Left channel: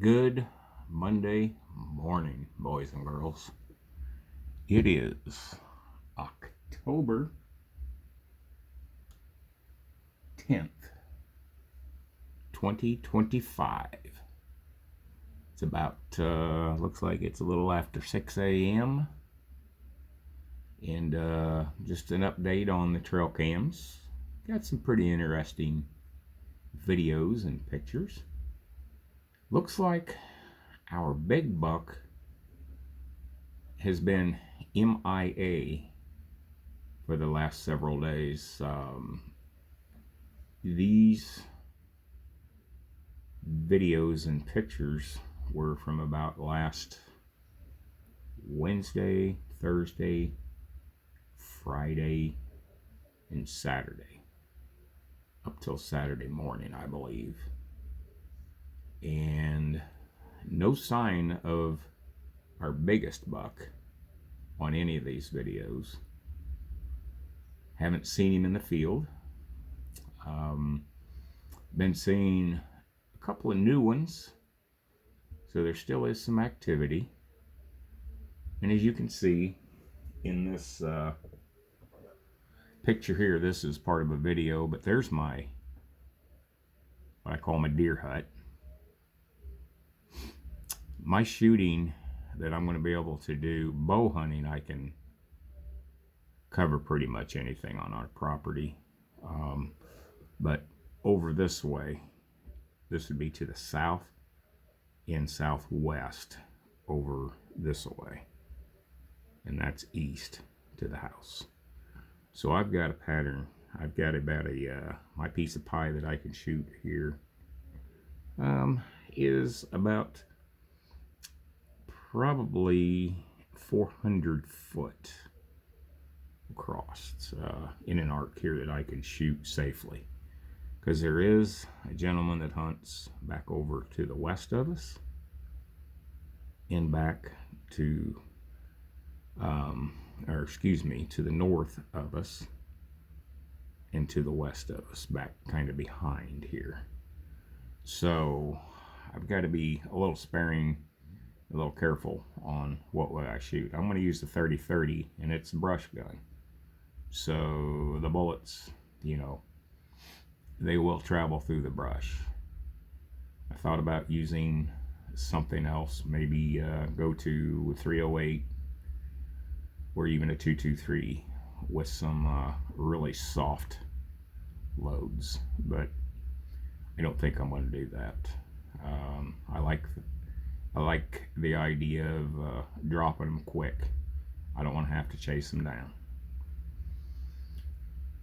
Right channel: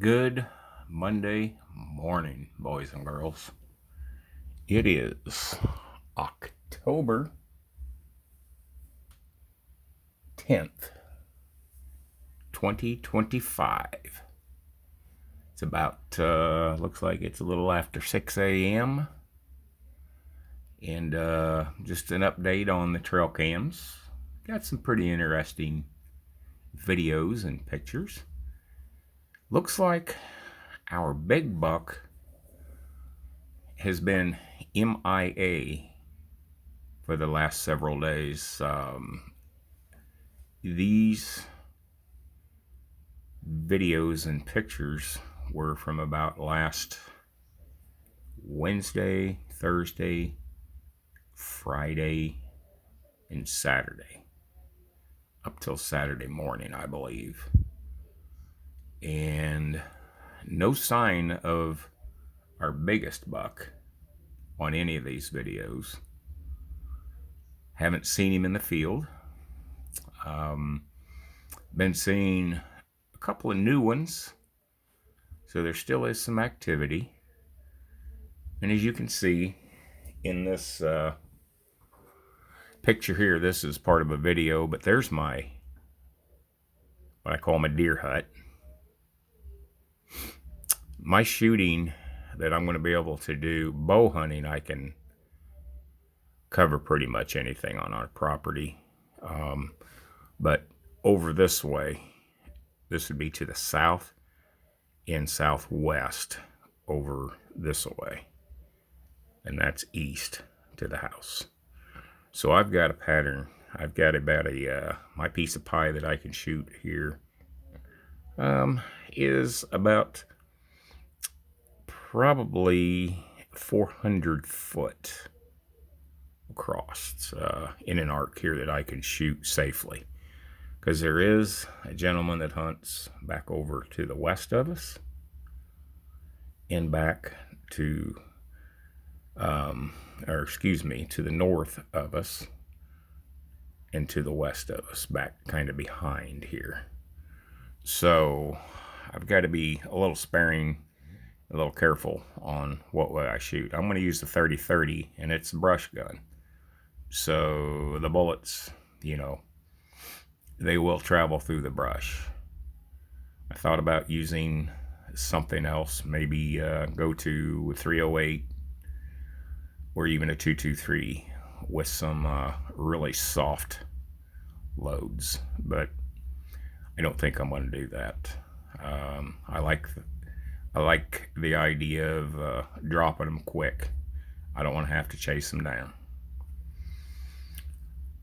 Good Monday morning, boys and girls. It is October 10th, 2025. It's about, looks like it's a little after 6 a.m. And just an update on the trail cams. Got some pretty interesting videos and pictures. Looks like our big buck has been MIA for the last several days. These videos and pictures were from about last Wednesday, Thursday, Friday, and Saturday. Up till Saturday morning, I believe. And no sign of our biggest buck on any of these videos. Haven't seen him in the field. Been seeing a couple of new ones, so there still is some activity. And as you can see in this picture here, this is part of a video, but there's my, what I call my deer hut. My shooting that I'm going to be able to do, bow hunting, I can cover pretty much anything on our property. But over this way, this would be to the south and southwest over this way. And that's east to the house. So I've got a pattern. I've got about my piece of pie that I can shoot here is about probably 400 foot across in an arc here that I can shoot safely. Because there is a gentleman that hunts back over to the west of us and back to, to the north of us and to the west of us, back kind of behind here. So I've got to be a little sparing, a little careful on what way I shoot. I'm going to use the 30-30, and it's a brush gun. So the bullets, they will travel through the brush. I thought about using something else, maybe go to 308 or even a 223 with some really soft loads, but I don't think I'm going to do that. I like the idea of dropping them quick. I don't want to have to chase them down.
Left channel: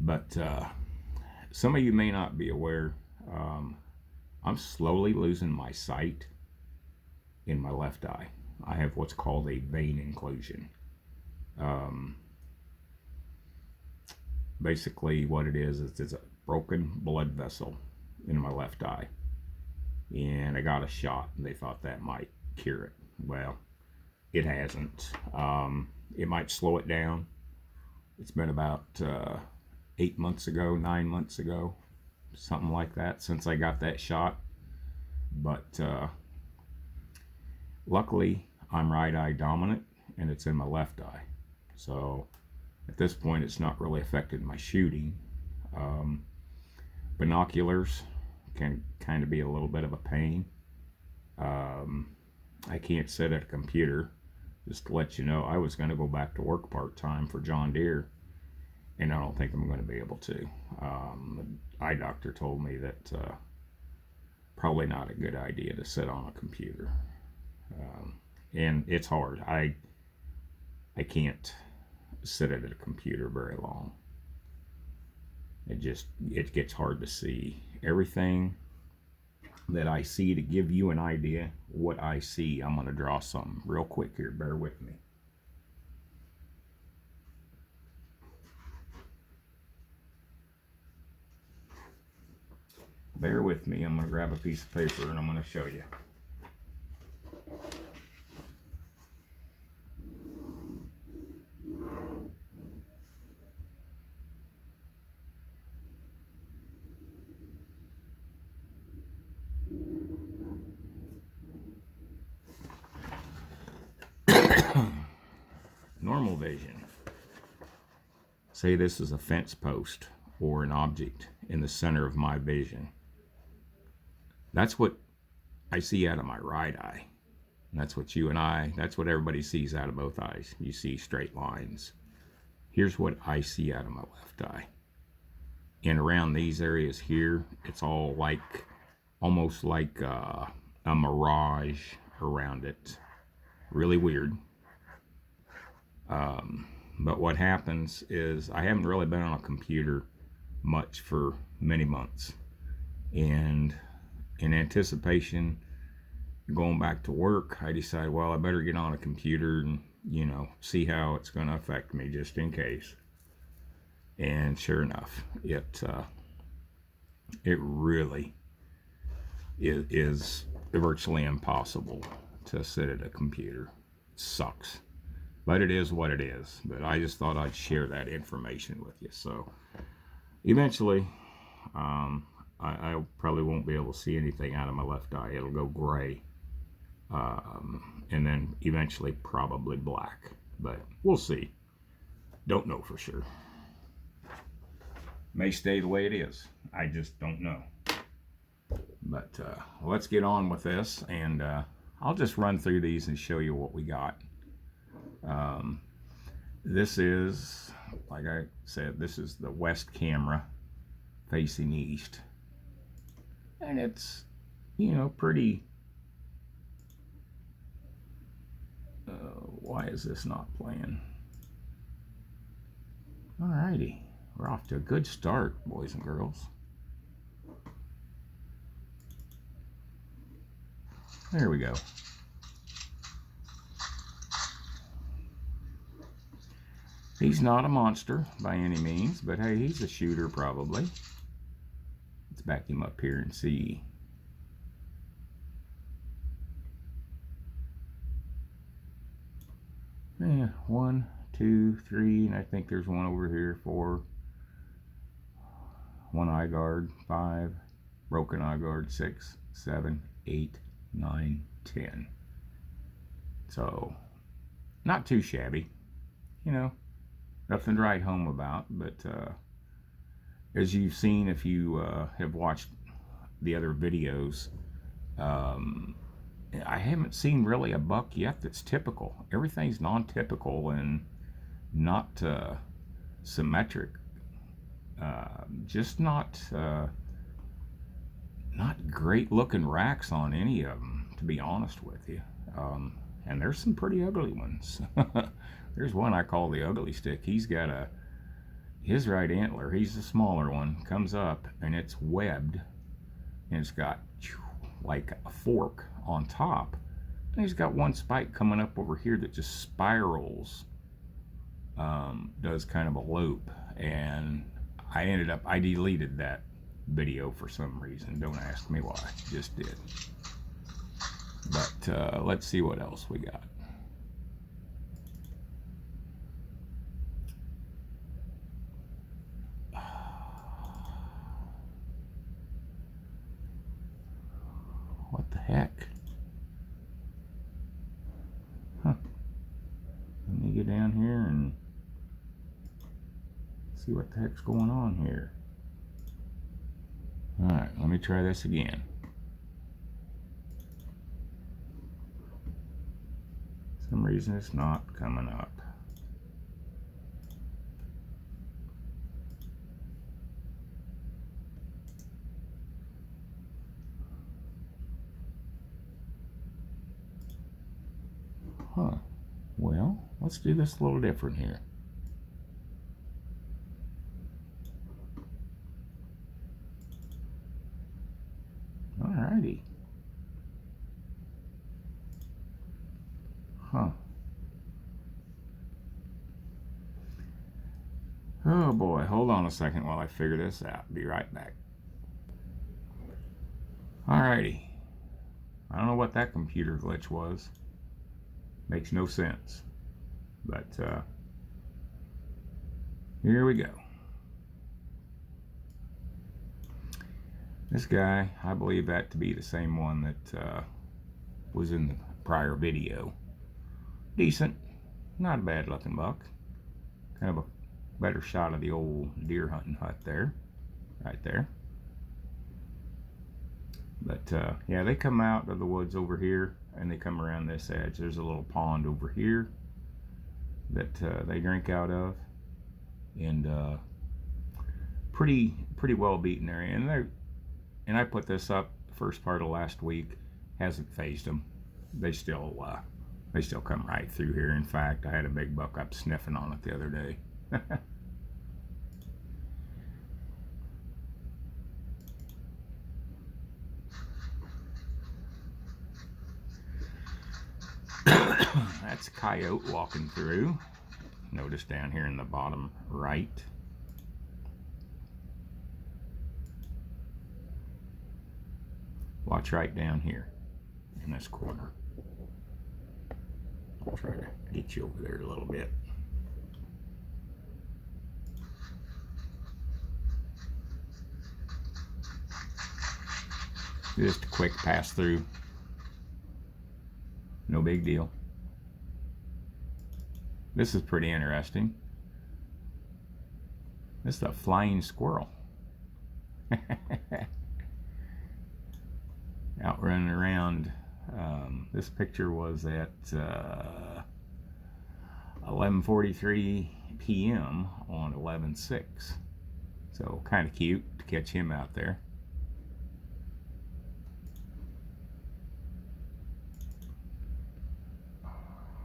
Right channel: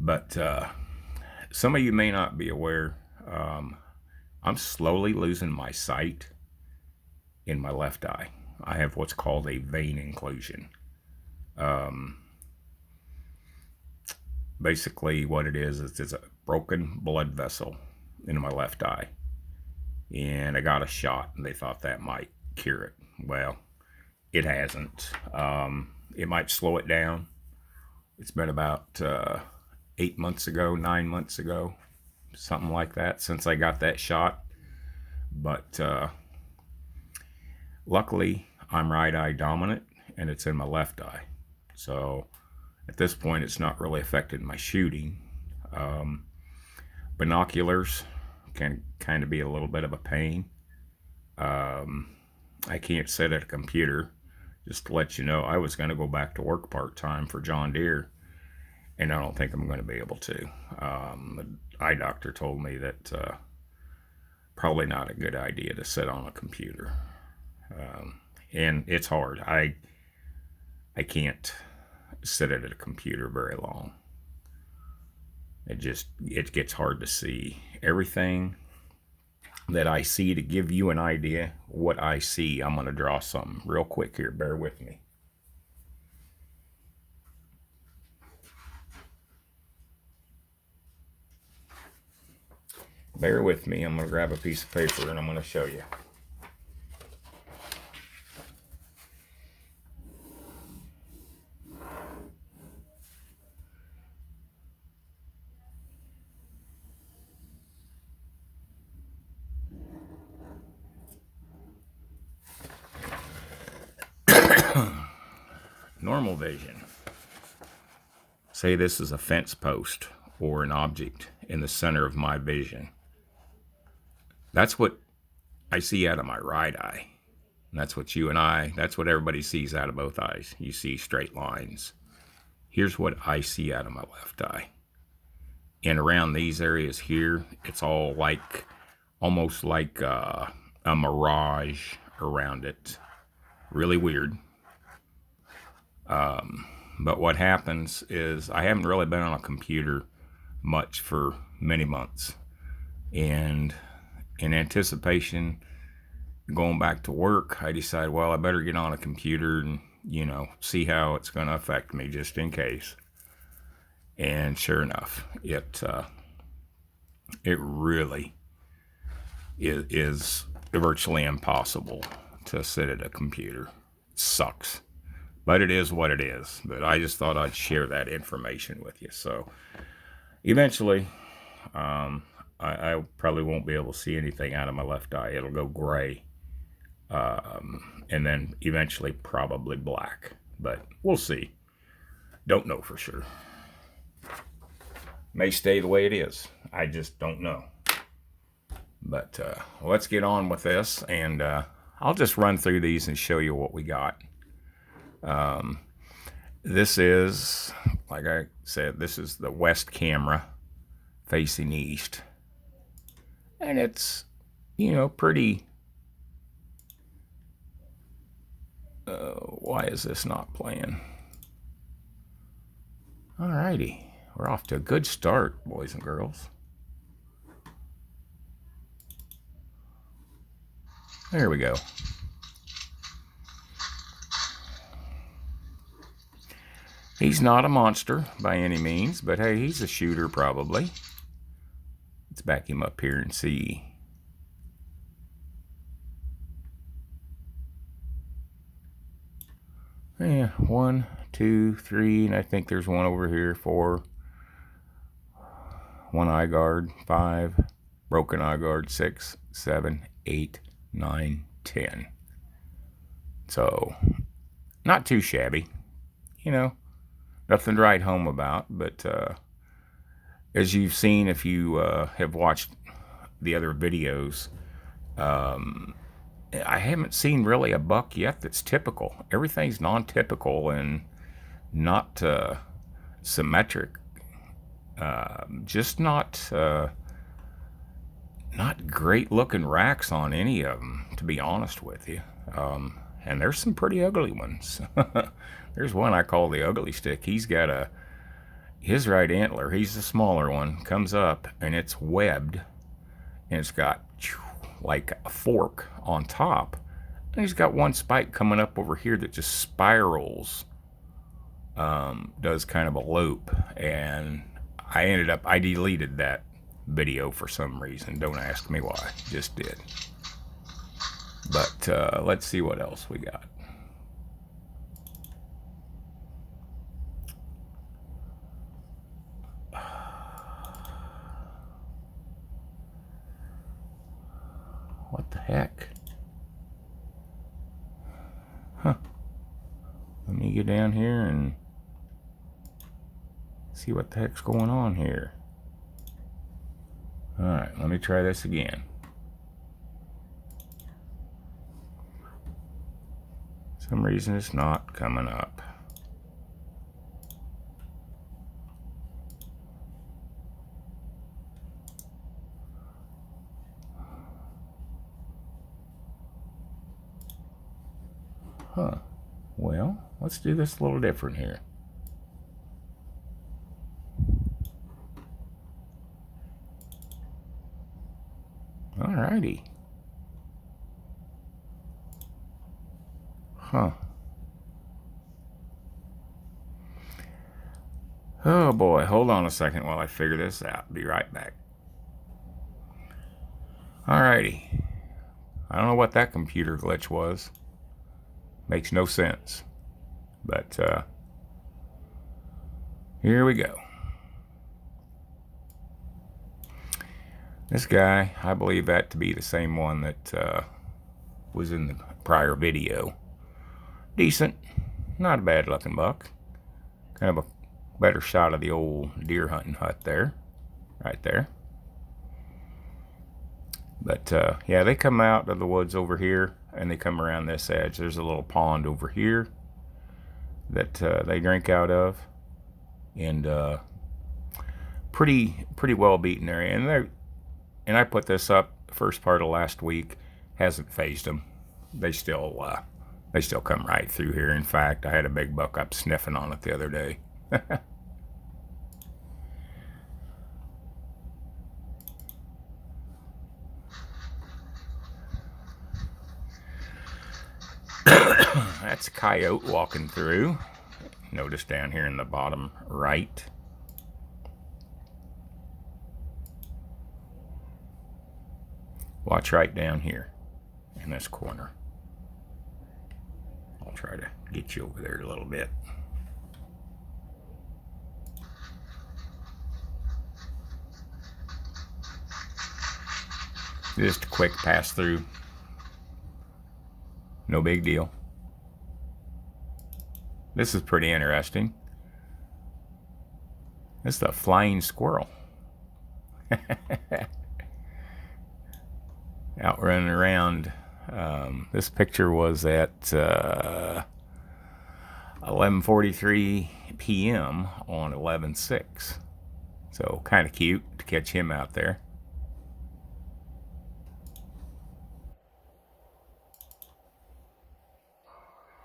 But some of you may not be aware, I'm slowly losing my sight in my left eye. I have what's called a vein occlusion. Basically what it is it's a broken blood vessel in my left eye. And I got a shot, and they thought that might cure it. Well, it hasn't. It might slow it down. It's been about 8 months ago, 9 months ago, something like that, since I got that shot. But luckily, I'm right eye dominant, and it's in my left eye. So at this point, it's not really affected my shooting. Binoculars can kind of be a little bit of a pain. I can't sit at a computer. Just to let you know, I was going to go back to work part-time for John Deere, and I don't think I'm going to be able to. The eye doctor told me that probably not a good idea to sit on a computer. And it's hard. I can't sit at a computer very long. It gets hard to see everything that I see. To give you an idea what I see, I'm going to draw something real quick here. Bear with me. Bear with me. I'm going to grab a piece of paper and I'm going to show you. normal vision, say this is a fence post or an object in the center of my vision. That's what I see out of my right eye. And that's what that's what everybody sees out of both eyes. You see straight lines. Here's what I see out of my left eye. And around these areas here, it's all like, almost like a mirage around it. Really weird. But what happens is I haven't really been on a computer much for many months. And in anticipation going back to work, I decided, well, I better get on a computer and, you know, see how it's going to affect me just in case. And sure enough, it really is virtually impossible to sit at a computer. It sucks. But it is what it is. But I just thought I'd share that information with you. So eventually, I probably won't be able to see anything out of my left eye. It'll go gray. And then eventually probably black. But we'll see. Don't know for sure. May stay the way it is. I just don't know. But let's get on with this. And I'll just run through these and show you what we got. This is, like I said, this is the west camera facing east. And it's, you know, pretty... why is this not playing? Alrighty. We're off to a good start, boys and girls. There we go. He's not a monster by any means, but hey, he's a shooter probably. Let's back him up here and see. Yeah, 1, 2, 3, and I think there's one over here, 4. 1 eye guard, 5, broken eye guard, 6, 7, 8, 9, 10. So, not too shabby, you know, nothing to write home about, but as you've seen, if you have watched the other videos, I haven't seen really a buck yet that's typical. Everything's non-typical and not symmetric. Just not great looking racks on any of them, to be honest with you. And there's some pretty ugly ones. There's one I call the ugly stick. He's got his right antler, he's the smaller one, comes up and it's webbed and it's got like a fork on top. And he's got one spike coming up over here that just spirals, does kind of a loop. And I deleted that video for some reason. Don't ask me why, just did. But let's see what else we got. What the heck? Huh. Let me get down here and see what the heck's going on here. Alright, let me try this again. For some reason it's not coming up. Huh. Well, let's do this a little different here. Alrighty. Huh. Oh boy, hold on a second while I figure this out. Be right back. Alrighty. I don't know what that computer glitch was. Makes no sense. But here we go. This guy, I believe that to be the same one that was in the prior video. Decent. not a bad looking buck. Kind of a better shot of the old deer hunting hut there, right there. But yeah, they come out of the woods over here and they come around this edge. There's a little pond over here that they drink out of, and pretty well beaten area. And I put this up the first part of last week. Hasn't phased them. They still come right through here. In fact, I had a big buck up sniffing on it the other day. That's a coyote walking through. Notice down here in the bottom right. Watch right down here in this corner. I'll try to get you over there a little bit. Just a quick pass through. No big deal. This is pretty interesting. This is a flying squirrel. Out running around. This picture was at 11:43 p.m. on 11/6. So kind of cute to catch him out there.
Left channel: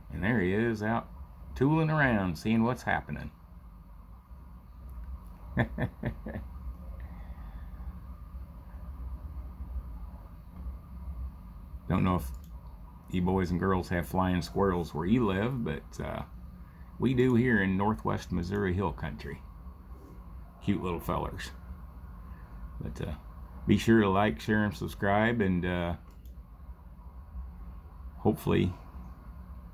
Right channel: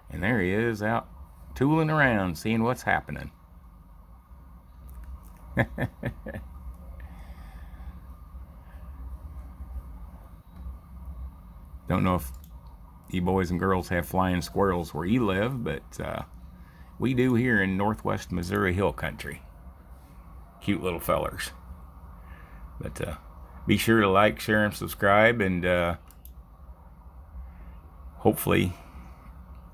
And there he is out tooling around, seeing what's happening. Don't know if you boys and girls have flying squirrels where you live, but we do here in northwest Missouri Hill Country. Cute little fellers. But be sure to like, share, and subscribe, and hopefully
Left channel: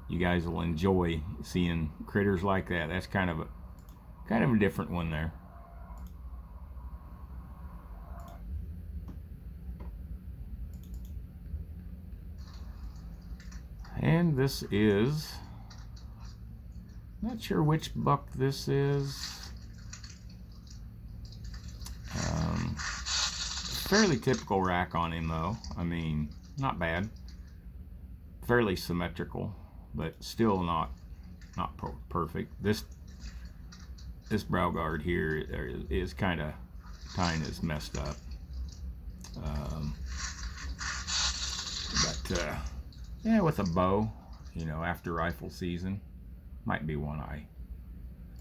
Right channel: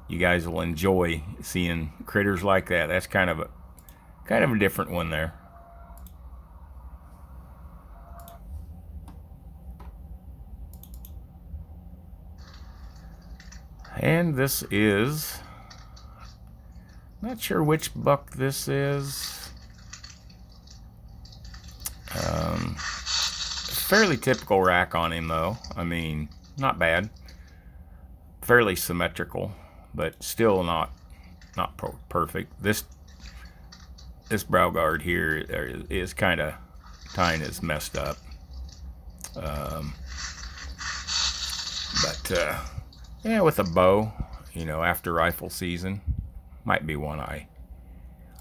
you guys will enjoy seeing critters like that. That's kind of a different one there. And this is, not sure which buck this is. Fairly typical rack on him though. I mean, not bad. Fairly symmetrical, but still not perfect. This brow guard here is kind of tying is messed up. Yeah, with a bow, you know, after rifle season, might be one I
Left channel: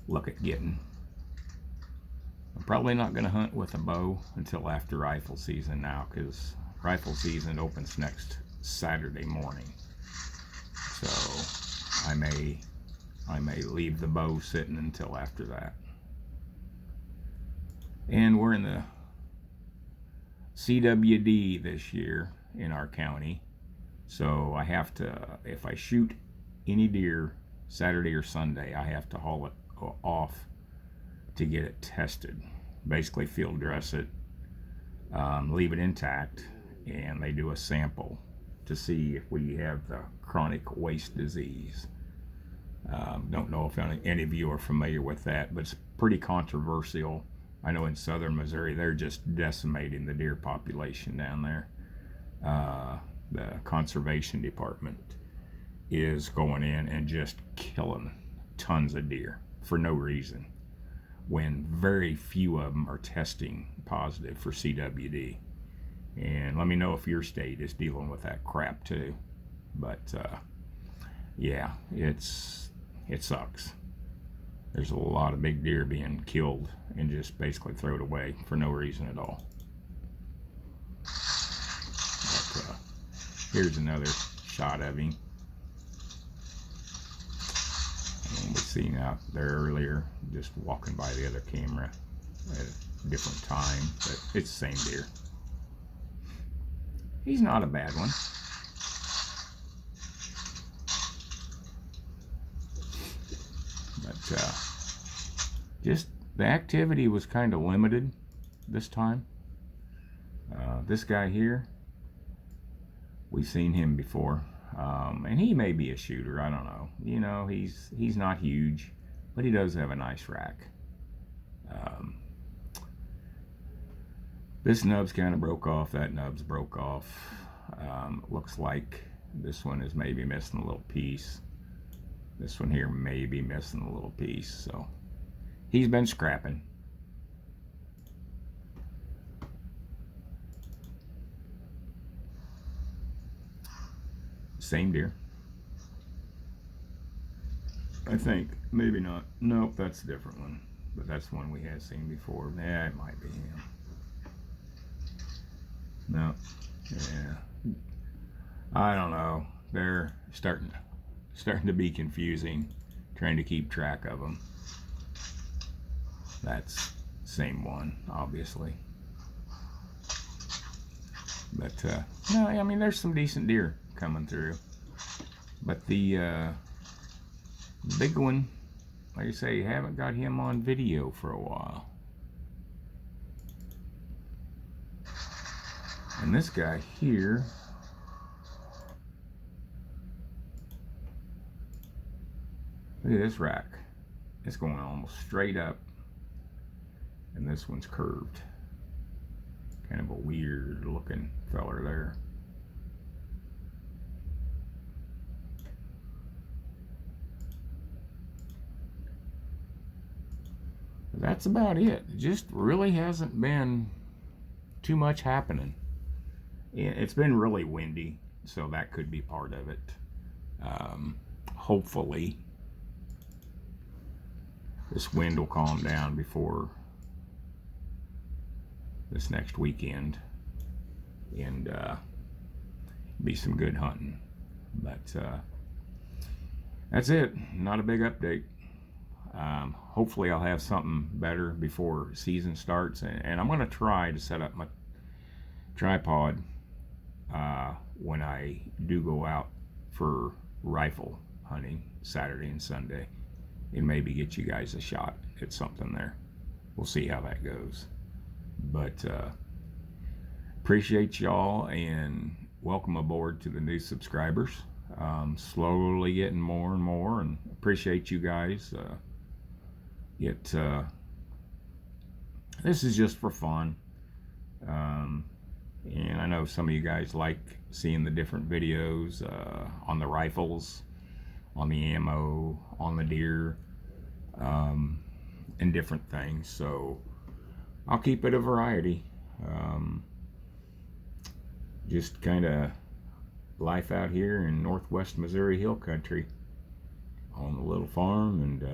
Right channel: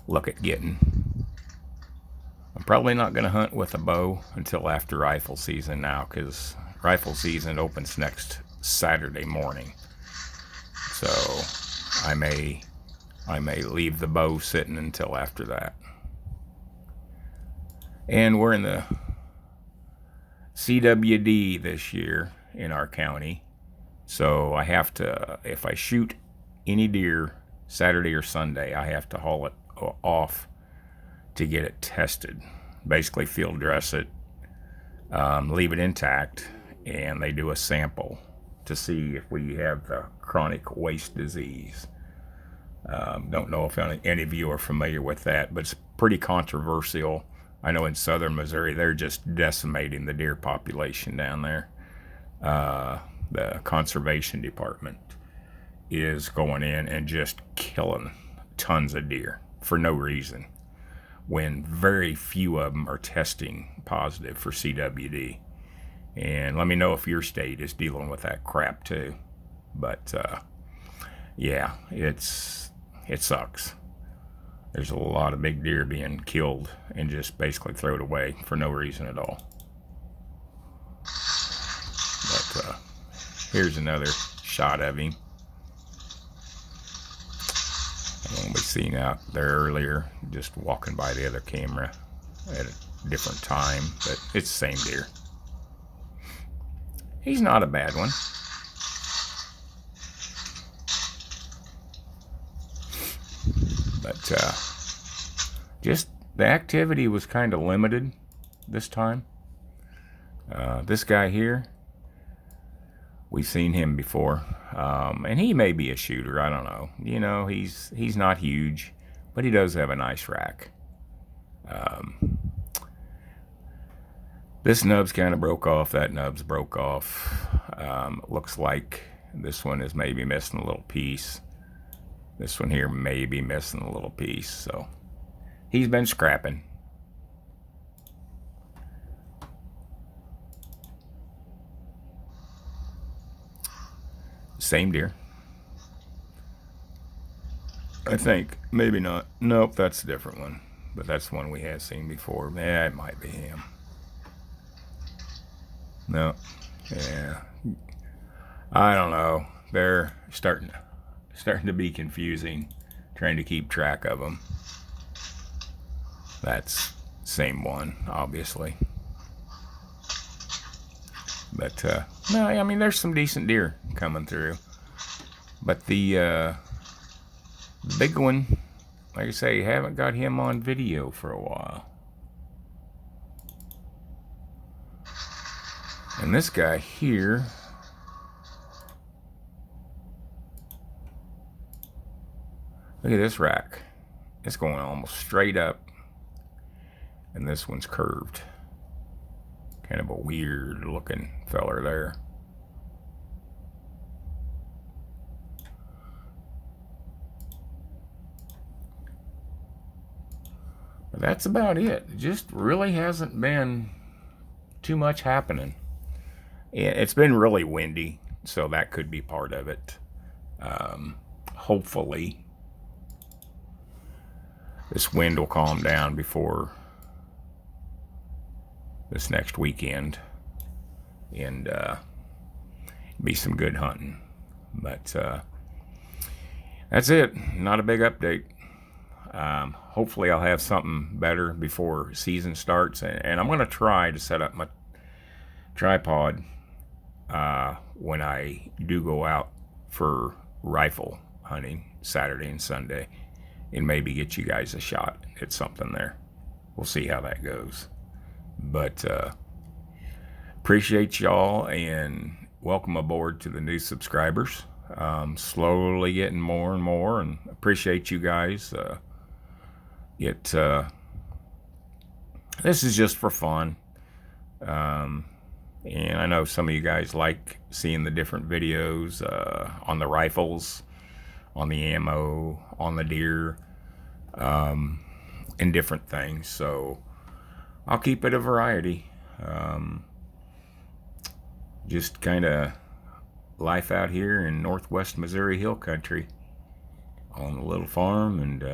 look at getting. I'm probably not going to hunt with a bow until after rifle season now, because rifle season opens next Saturday morning. So I may leave the bow sitting until after that. And we're in the CWD this year in our county. So I have to, if I shoot any deer Saturday or Sunday, I have to haul it off to get it tested. Basically field dress it, leave it intact, and they do a sample to see if we have the chronic waste disease. Don't know if any of you are familiar with that, but it's pretty controversial. I know in southern Missouri, they're just decimating the deer population down there. The conservation department is going in and just killing tons of deer for no reason, when very few of them are testing positive for CWD. And let me know if your state is dealing with that crap too. But yeah, it sucks. There's a lot of big deer being killed and just basically thrown away for no reason at all. But here's another shot of him. And we seen out there earlier, just walking by the other camera at a different time, but it's the same deer. He's not a bad one. But just the activity was kind of limited this time. This guy here We've seen him before, and he may be a shooter. I don't know. You know, he's not huge, but he does have a nice rack. This nub's kind of broke off. That nub's broke off. Looks like this one is maybe missing a little piece. This one here may be missing a little piece. So he's been scrapping. Same deer. I think. Maybe not. Nope, that's a different one. But that's one we have seen before. Yeah, it might be him. No. Yeah. I don't know. They're starting to be confusing, trying to keep track of them. That's same one, obviously. But no, I mean, there's some decent deer coming through. But the big one, like I say, haven't got him on video for a while. And this guy here, look at this rack. It's going almost straight up. And this one's curved. Kind of a weird looking feller there. But that's about it. It just really hasn't been too much happening. It's been really windy, so that could be part of it. Hopefully this wind will calm down before this next weekend, and be some good hunting. But that's it. Not a big update. Hopefully I'll have something better before season starts, and I'm going to try to set up my tripod when I do go out for rifle hunting Saturday and Sunday, and maybe get you guys a shot at something there. We'll see how that goes. But appreciate y'all, and welcome aboard to the new subscribers. Slowly getting more and more, and appreciate you guys. This is just for fun, and I know some of you guys like seeing the different videos on the rifles, on the ammo, on the deer, and different things. So I'll keep it a variety. Just kind of life out here in northwest Missouri Hill Country on a little farm, and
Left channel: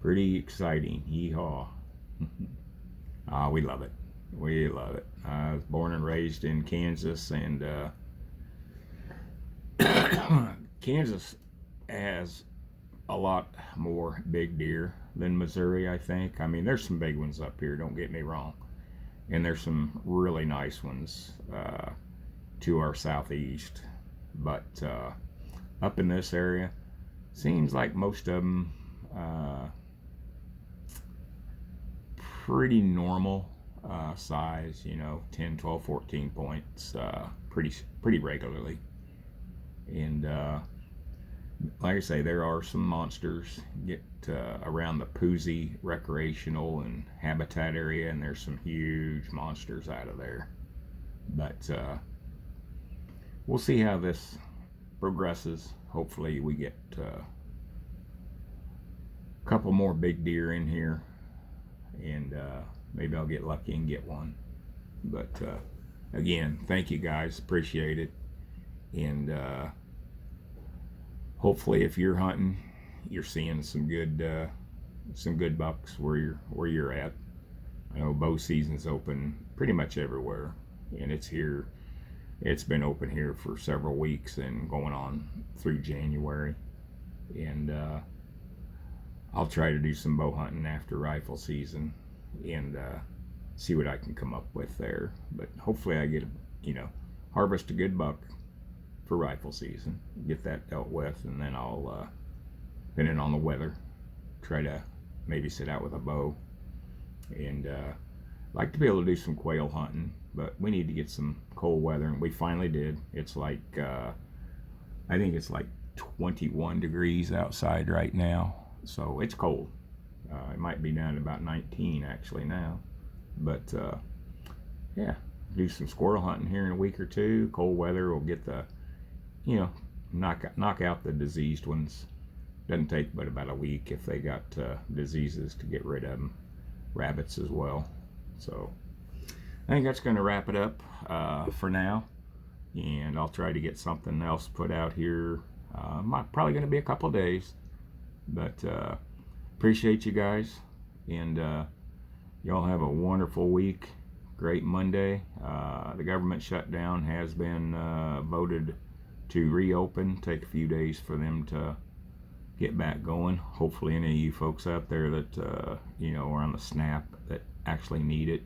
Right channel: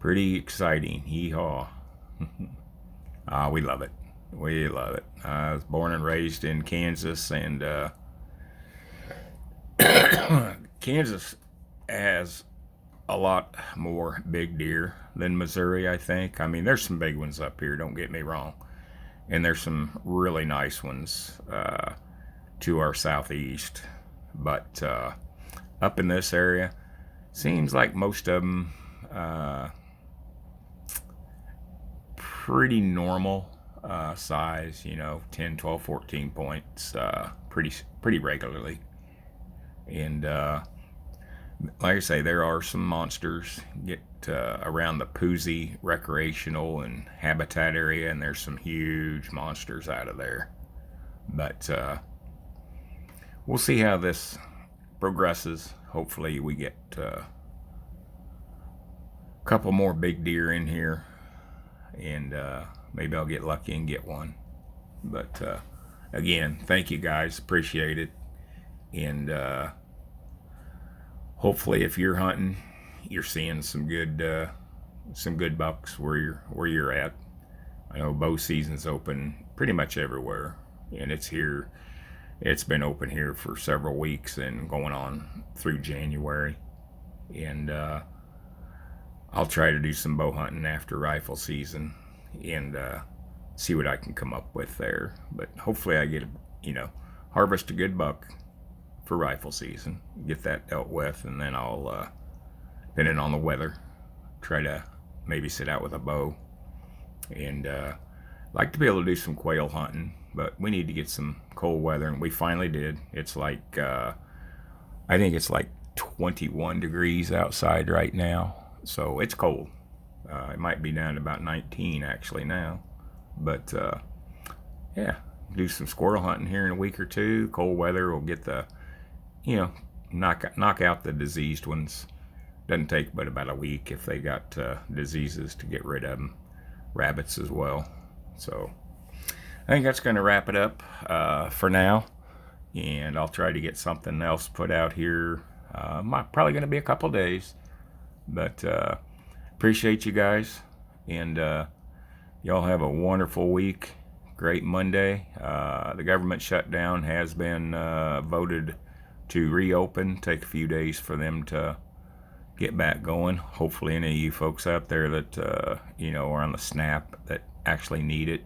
pretty exciting. Hee-haw. We love it. We love it. I was born and raised in Kansas, and Kansas has a lot more big deer than Missouri, I think. I mean, there's some big ones up here, don't get me wrong. And there's some really nice ones to our southeast. But up in this area, seems like most of them pretty normal size, 10, 12, 14 points, pretty regularly. And like I say, there are some monsters get around the Poozy recreational and habitat area, and there's some huge monsters out of there. But we'll see how this progresses. Hopefully we get a couple more big deer in here, and maybe I'll get lucky and get one. But again, thank you guys, appreciate it. And hopefully if you're hunting, you're seeing some good bucks where you're at. I know bow season's open pretty much everywhere, and it's been open here for several weeks and going on through January. And I'll try to do some bow hunting after rifle season, and see what I can come up with there. But hopefully I get harvest a good buck for rifle season, get that dealt with, and then I'll depending on the weather, try to maybe sit out with a bow. And like to be able to do some quail hunting but we need to get some cold weather, and we finally did. It's like, I think it's like 21 degrees outside right now, so it's cold. It might be down to about 19 actually now, but yeah, do some squirrel hunting here in a week or two. Cold weather will get the, knock out the diseased ones. Doesn't take but about a week if they got diseases to get rid of them. Rabbits as well. So I think that's going to wrap it up for now, and I'll try to get something else put out here. Probably going to be a couple days, but appreciate you guys, and y'all have a wonderful week. Great Monday. The government shutdown has been voted to reopen. Take a few days for them to get back going. Hopefully any of you folks out there that are on the SNAP that actually need it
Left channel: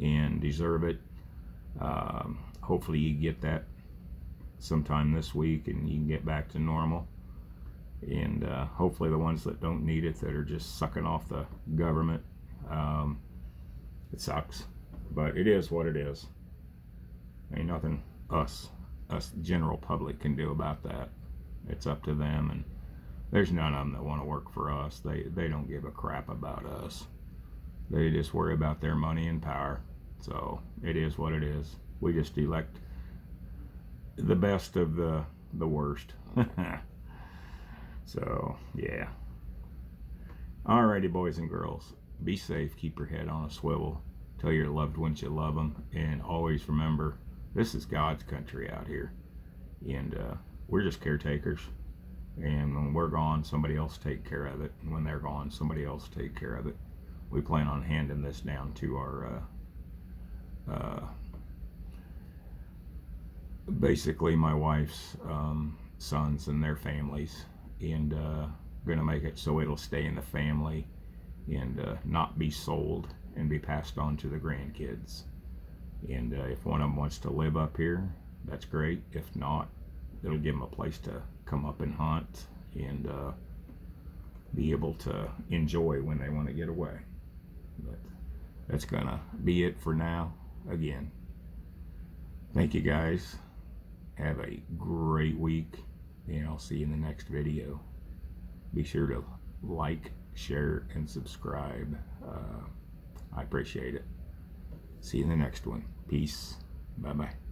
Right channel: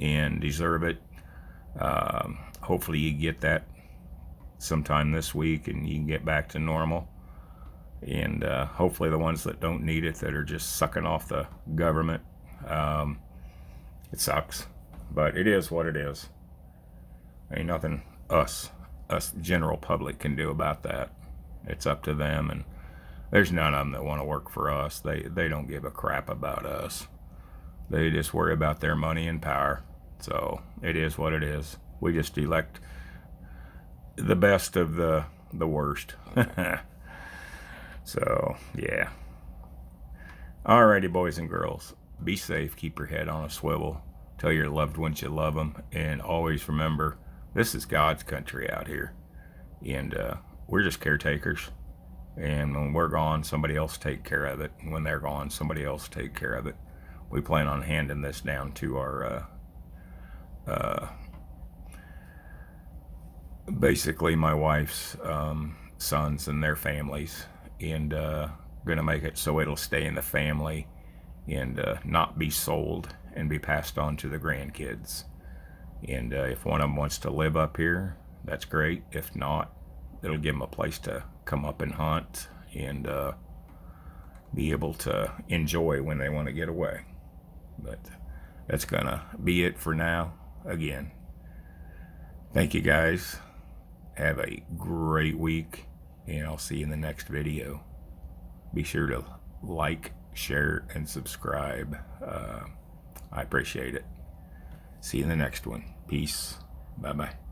and deserve it, hopefully you get that sometime this week and you can get back to normal. And hopefully the ones that don't need it, that are just sucking off the government, it sucks, but it is what it is. Ain't nothing us general public can do about that. It's up to them, and there's none of them that want to work for us. They don't give a crap about us. They just worry about their money and power. So it is what it is. We just elect the best of the worst. So yeah. Alrighty, boys and girls, be safe. Keep your head on a swivel. Tell your loved ones you love them, and always remember, this is God's country out here, and we're just caretakers. And when we're gone, somebody else take care of it. When they're gone, somebody else take care of it. We plan on handing this down to our basically my wife's sons and their families, and gonna make it so it'll stay in the family and not be sold and be passed on to the grandkids. And if one of them wants to live up here, that's great. If not, it'll give them a place to come up and hunt and be able to enjoy when they want to get away. But that's gonna be it for now. Again, thank you guys. Have a great week, and I'll see you in the next video. Be sure to like, share, and subscribe. I appreciate it. See you in the next one. Peace. Bye-bye.